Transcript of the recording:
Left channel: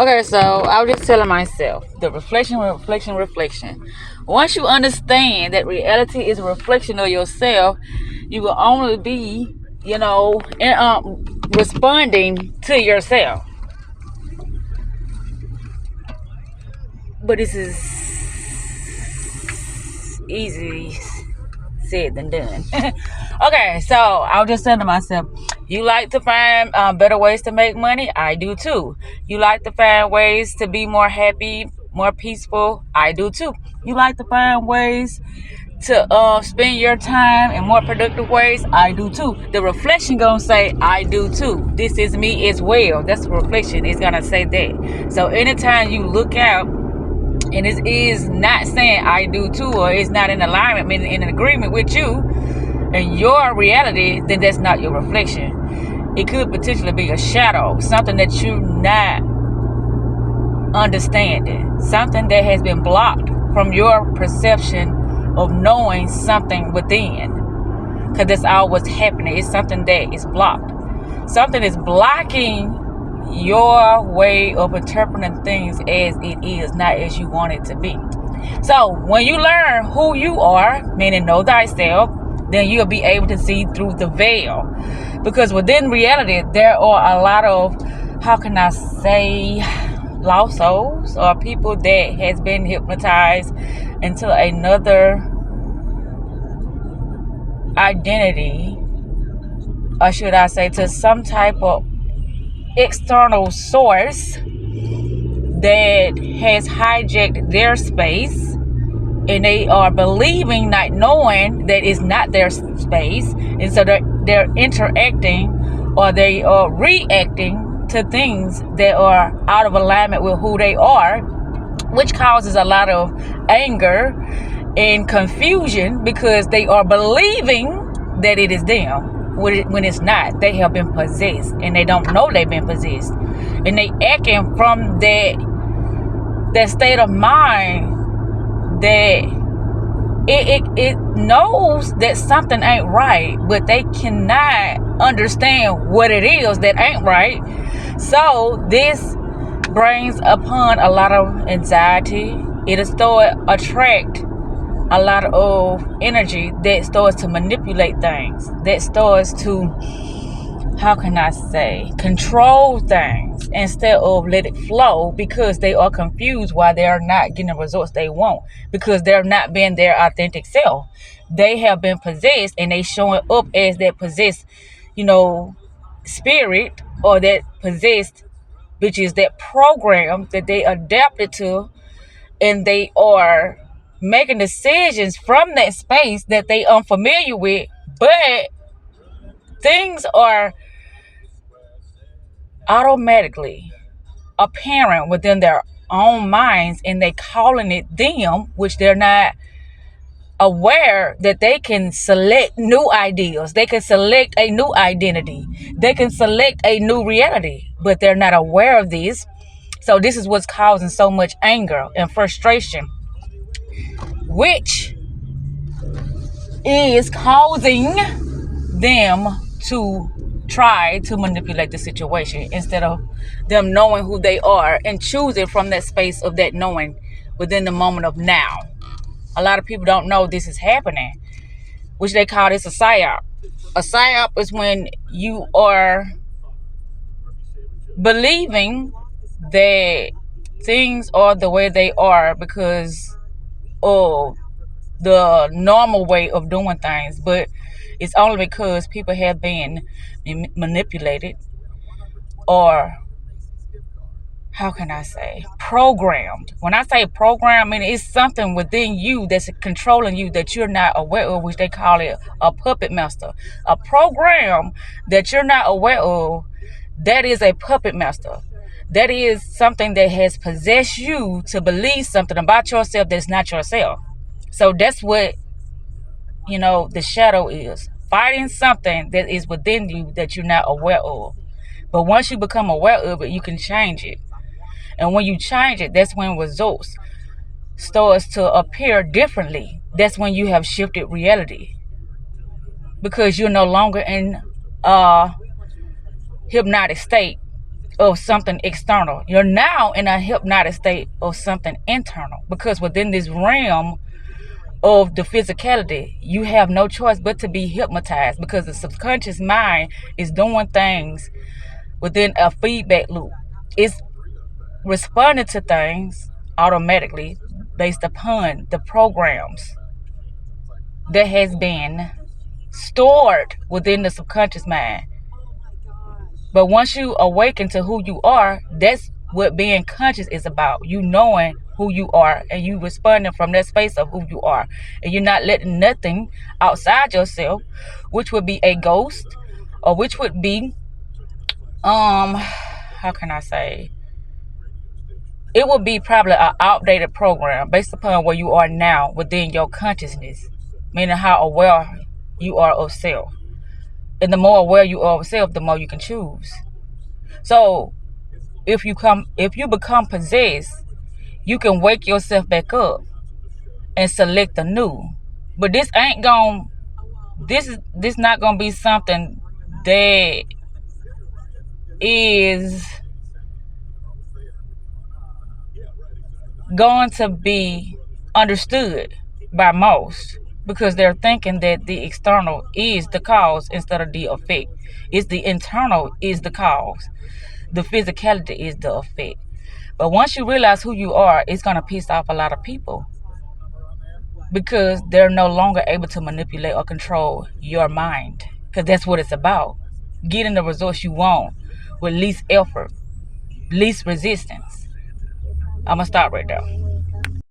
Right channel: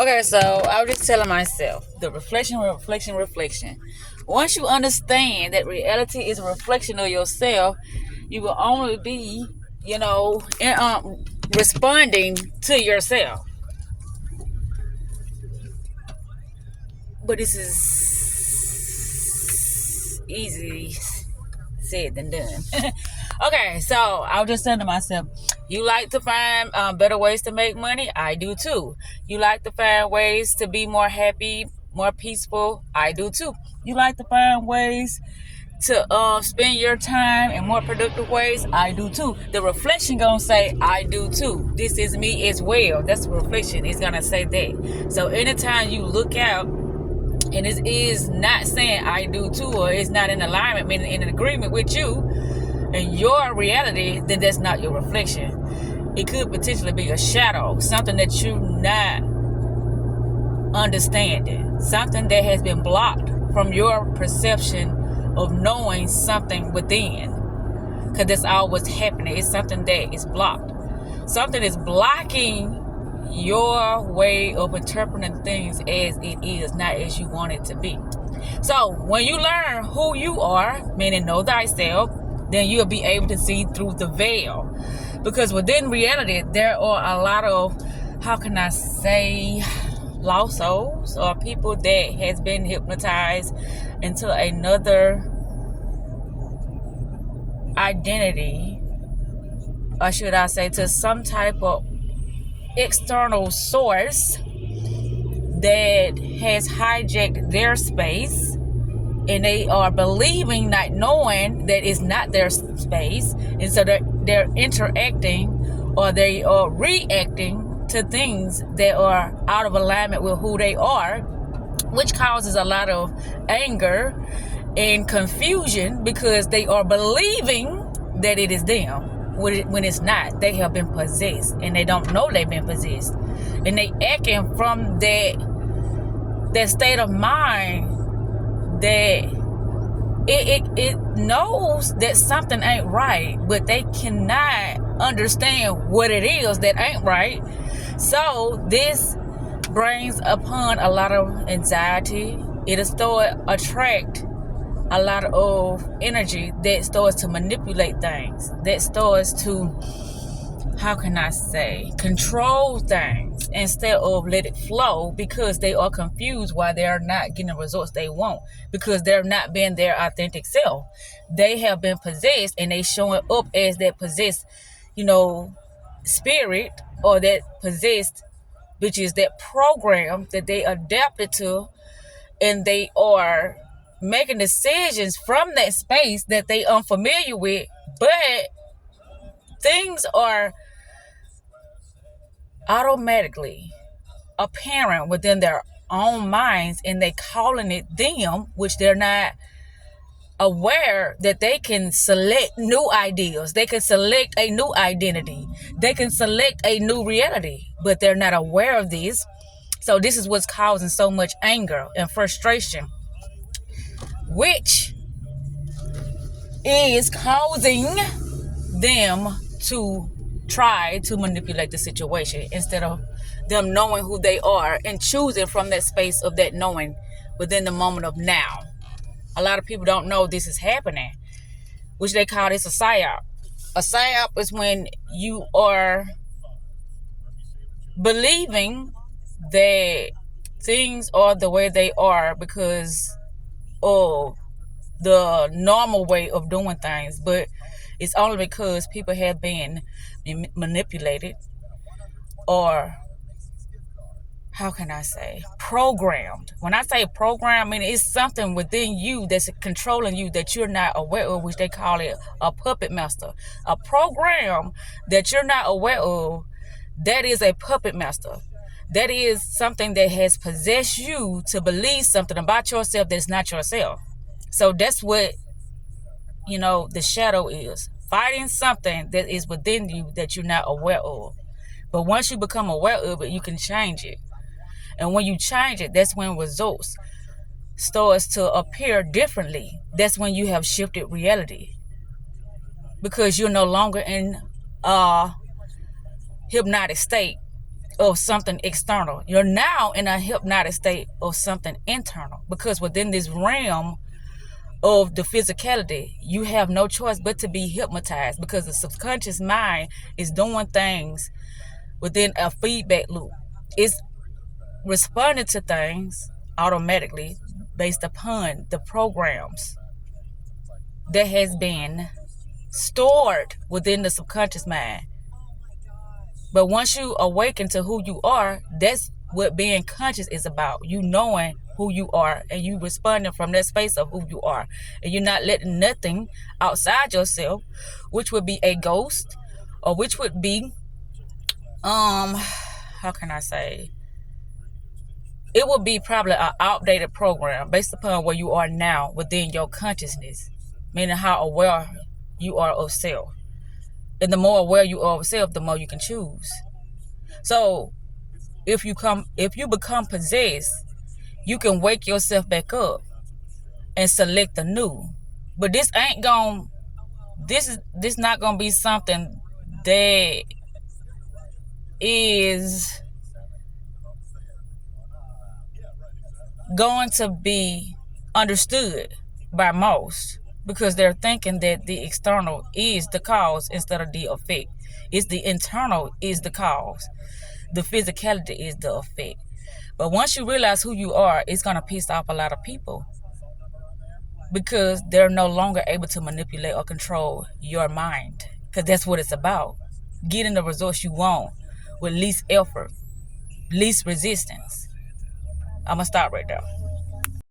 Okay, so I was just telling myself the reflection. Once you understand that reality is a reflection of yourself, you will only be, responding to yourself. But this is easy said than done. Okay, so I was just saying to myself, you like to find better ways to make money? I do too. You like to find ways to be more happy, more peaceful? I do too. You like to find ways to spend your time in more productive ways? I do too. The reflection gonna say I do too. This is me as well. That's the reflection. It's gonna say that. So anytime you look out and it is not saying I do too, or it's not in alignment, meaning in agreement with you and your reality, then that's not your reflection. It could potentially be a shadow, something that you're not understanding, something that has been blocked from your perception of knowing something within. Because that's all what's happening. It's something that is blocked. Something is blocking your way of interpreting things as it is, not as you want it to be. So when you learn who you are, meaning know thyself, then you'll be able to see through the veil. Because within reality, there are a lot of, how can I say, lost souls, or people that has been hypnotized into another identity, or should I say to some type of external source that has hijacked their space, and they are believing, not knowing that it's not their space, and so they're interacting or they are reacting to things that are out of alignment with who they are, which causes a lot of anger and confusion because they are believing that it is them when it's not. They have been possessed and they don't know they've been possessed, and they acting from that state of mind that it knows that something ain't right, but they cannot understand what it is that ain't right. So this brings upon a lot of anxiety. It'll start attract a lot of energy that starts to manipulate things, that starts to, how can I say, control things instead of let it flow, because they are confused why they are not getting the results they want, because they're not being their authentic self. They have been possessed and they showing up as that possessed, spirit, or that possessed, which is that program that they adapted to, and they are making decisions from that space that they unfamiliar with, but things are automatically apparent within their own minds, and they calling it them, which they're not aware that they can select new ideas, they can select a new identity, they can select a new reality, but they're not aware of this. So this is what's causing so much anger and frustration, which is causing them to try to manipulate the situation instead of them knowing who they are and choosing from that space of that knowing within the moment of now. A lot of people don't know this is happening, which they call this a psyop. A psyop is when you are believing that things are the way they are because of the normal way of doing things, but it's only because people have been manipulated, or how can I say, programmed. When I say programming, it's something within you that's controlling you that you're not aware of, which they call it a puppet master. A program that you're not aware of, that is a puppet master. That is something that has possessed you to believe something about yourself that's not yourself. So that's what, the shadow is. Fighting something that is within you that you're not aware of. But once you become aware of it, you can change it. And when you change it, that's when results starts to appear differently. That's when you have shifted reality. Because you're no longer in a hypnotic state of something external. You're now in a hypnotic state of something internal, because within this realm of the physicality, you have no choice but to be hypnotized, because the subconscious mind is doing things within a feedback loop. It's responding to things automatically based upon the programs that has been stored within the subconscious mind. But once you awaken to who you are, that's what being conscious is about. You knowing who you are and you responding from that space of who you are. And you're not letting nothing outside yourself, which would be a ghost, or which would be, how can I say? It would be probably an outdated program based upon where you are now within your consciousness, meaning how aware you are of self. And the more aware you are of self, the more you can choose. So if you become possessed, you can wake yourself back up and select the new. But this not gonna be something that is going to be understood by most, because they're thinking that the external is the cause instead of the effect. It's the internal is the cause. The physicality is the effect. But once you realize who you are, it's going to piss off a lot of people, because they're no longer able to manipulate or control your mind, because that's what it's about. Getting the results you want with least effort, least resistance. I'm going to stop right there.